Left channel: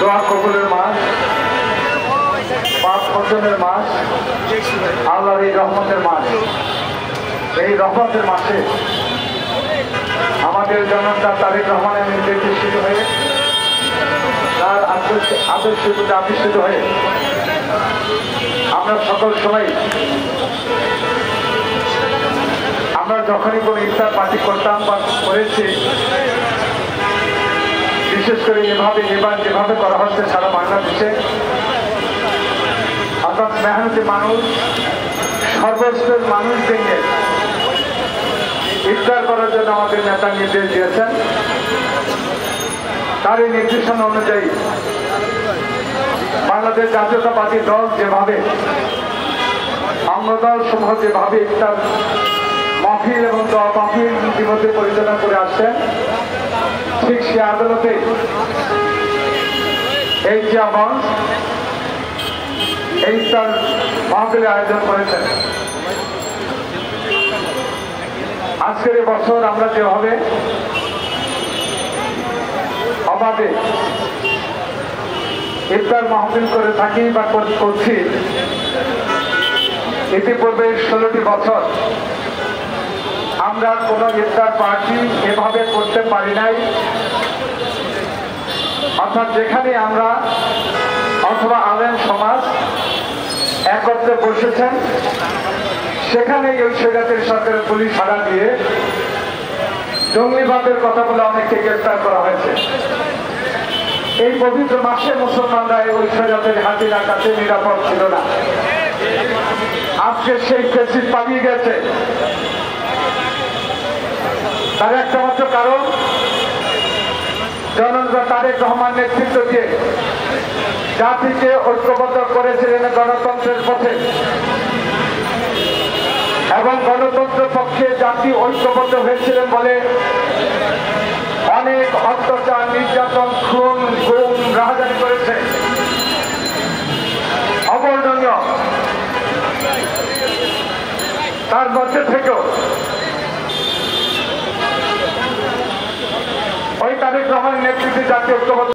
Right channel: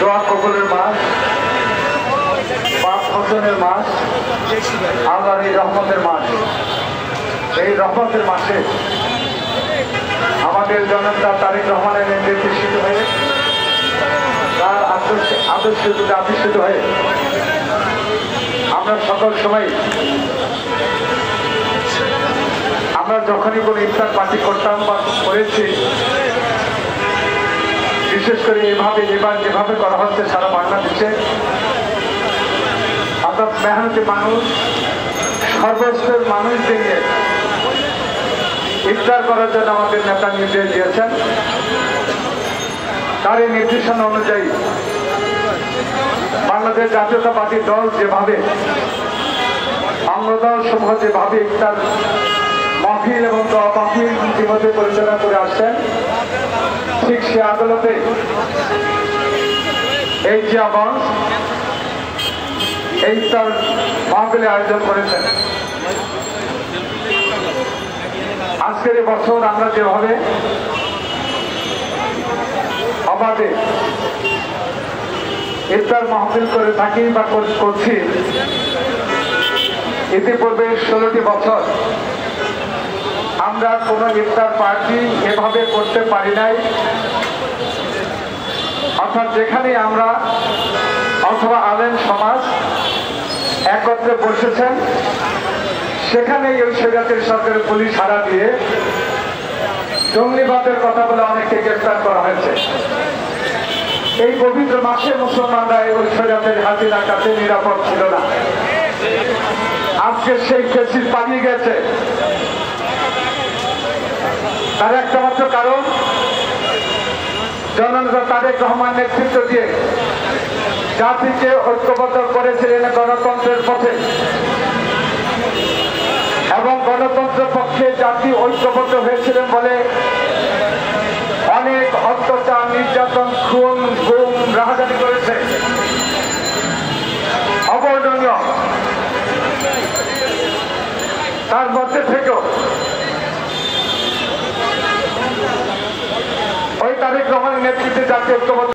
দোয়া কবুলের মাস, পাপ মোচনের মাস, আল্লাহর এই রহমতের মাস। এই রহমতের মাসে আমাদের জনতা তারেক রহমানের নির্দেশিত হয়ে, তার আদর্শে আবিষ্কৃত হয়ে আমরা সকল সময় আমরা যখনই কোনো ইফতার পার্টি করতাম বা করেছি, বিশেষ করে এভাবে যেভাবে করা হচ্ছে সারা বাংলাদেশে, অর্থাৎ মেহনতি মানুষ, সর্বস্তরের মানুষদের নিয়ে ইফতার করার জন্য আমাদের নেতা নির্দেশ দিয়েছেন। তার এই নির্দেশনা অনুযায়ী বাংলাদেশ জাতীয়তা পার্টি দল যেভাবে অঙ্গদল সমূহ যেভাবে ইফতার মাহফিল এবং দোয়া মাহফিল ইতিমধ্যে পরিচালনা করে আসছেন, ঠিক সে আদালতে এই জিয়া মঞ্চ এই ইফতার মাহফিলের আয়োজন করেছেন। আজকের বছর আমরা যেভাবে অবাধে ইফতার মাহফিল করে থাকি বা করছি, ইতিপূর্বে 16টি বছর আমরা কোনো ইফতার পার্টি এভাবে করতে পারি নাই। অর্থাৎ যেখানে আমরা অথবা আলেম সমাজ একত্রে বসেছেন, সেখানে এই স্বৈরাচারী সরকারের পুলিশ হারা দিয়ে জঙ্গিবাদের কথা বলে অনেককে গ্রেফতার করা হয়েছে। এই পবিত্র মাসে মুসলমানরা ওই স্বৈরাচারী হাজিরা কাছে নিরাপদ ছিল না। আজকে সেই ফেসিস পালিয়ে গেছে। তার একটা মাত্র কারণ, জননেতা তারেক রহমান নেতৃত্ব দিয়ে জাতিকে ঐক্যবদ্ধ করেছিলেন গণতন্ত্রের পথে, এবং গণতন্ত্রের পক্ষে জাতি ঐক্যবদ্ধ হয়েছিলেন বলে অনেক অত্যাচার, নির্যাতন, খুন, গুম, রাহাজানি করেছে। অবর্ণনীয়। তার মধ্যে থেকেও ওই তারেক রহমানের নেতৃত্বে জাতীয় ঐক্যবদ্ধ